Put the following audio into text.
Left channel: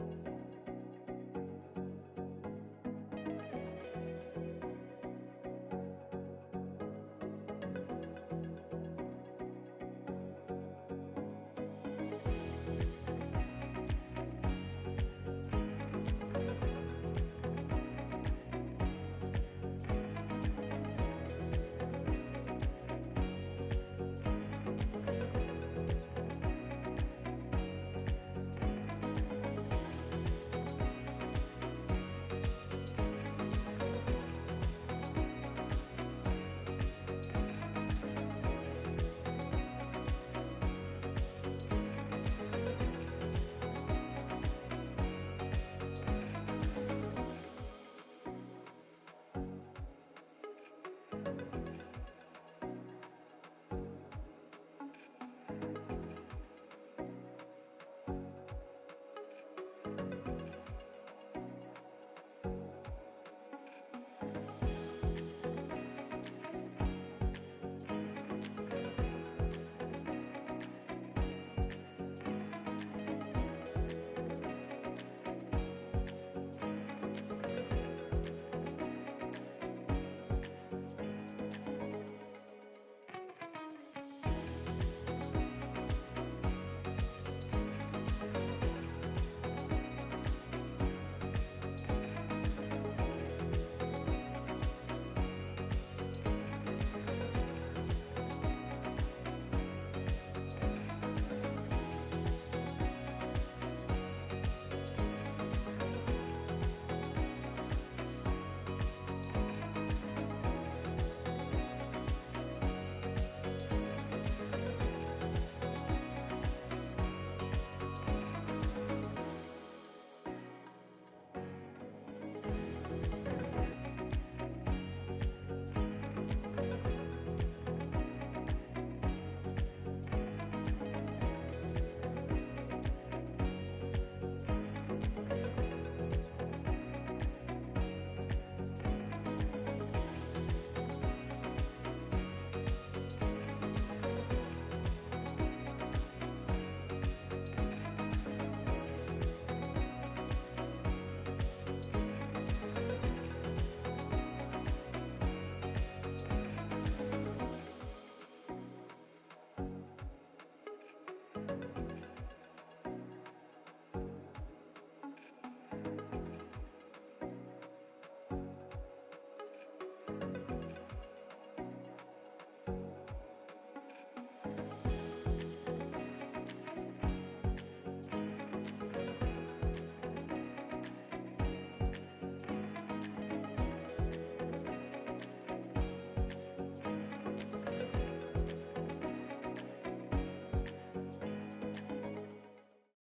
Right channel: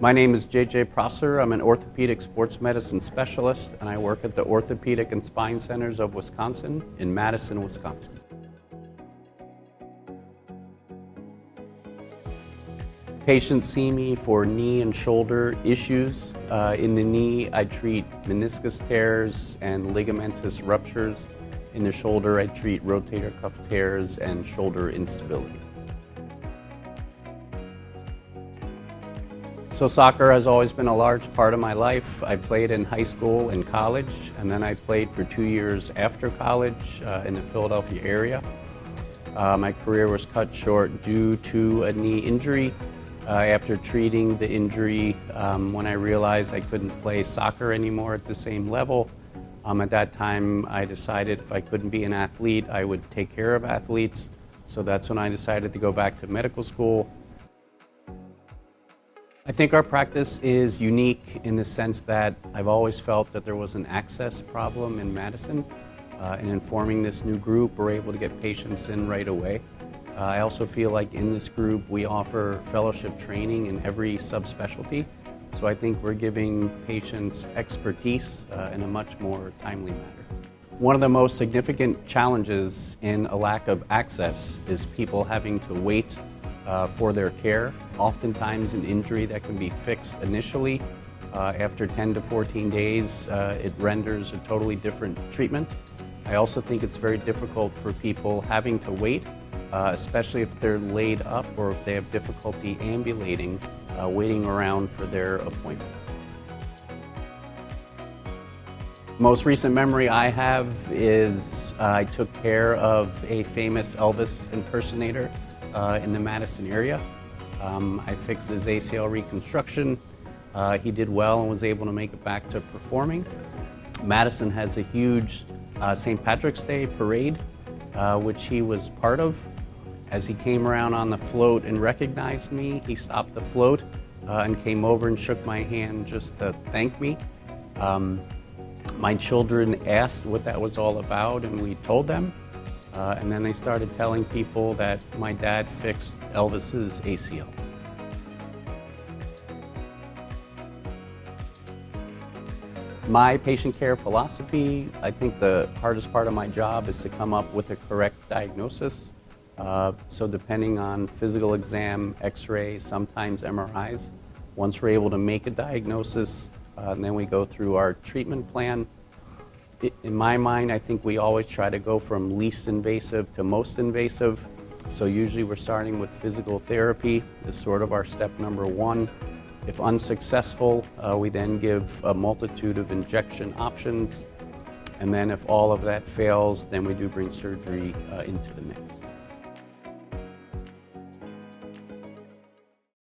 My name is J.J. Prosser. I'm an orthopedic sports medicine specialist, and I work at the Orthopedic and Spine Centers of Wisconsin in Madison, Wisconsin. Patients see me for knee and shoulder issues. In the knee, I treat meniscus tears and ligamentous ruptures. In the shoulder, I treat rotator cuff tears and shoulder instability. So soccer has always been a large part of my life. I played in high school and college, and then I played for 2 years after college in the Philadelphia area. My career was cut short due to a knee injury. After treating the injury, when I realized I couldn't play soccer anymore at the same level, at that time I decided if I couldn't be an athlete, I would take care of athletes. So that's when I decided to go back to medical school. I think our practice is unique in the sense that I've always felt that there was an access problem in Madison. And in forming this new group, we're able to get patients in right away. I also feel like in this group we offer fellowship training in every subspecialty. So I think we're giving patients expertise in a much more timely manner. One of the most significant challenges in a lack of access is people having to wait for their care. Oftentimes an injury that can be fixed initially, after 10 to 14 days, it renders a totally different treatment. I also think it's very difficult for people having to wait, especially if they're laid up or if they have difficulty ambulating, waiting around for their appointment. Most recent memory I have is I took care of a famous Elvis impersonator in the Madison area. I fixed his ACL reconstruction. He did well and was able to make it back to performing. Madison has a huge St. Patrick's Day parade, which he was part of. As he came around on the float and recognized me, he stopped the float and came over and shook my hand just to thank me. My children asked what that was all about, and we told them. And then they started telling people that my dad fixed Elvis's ACL. My patient care philosophy, I think the hardest part of my job is to come up with a correct diagnosis. So depending on physical exam, x-ray, sometimes MRIs, once we're able to make a diagnosis, then we go through our treatment plan. In my mind, I think we always try to go from least invasive to most invasive. So usually we're starting with physical therapy is sort of our step number one. If unsuccessful, we then give a multitude of injection options. And then if all of that fails, then we do bring surgery into the mix.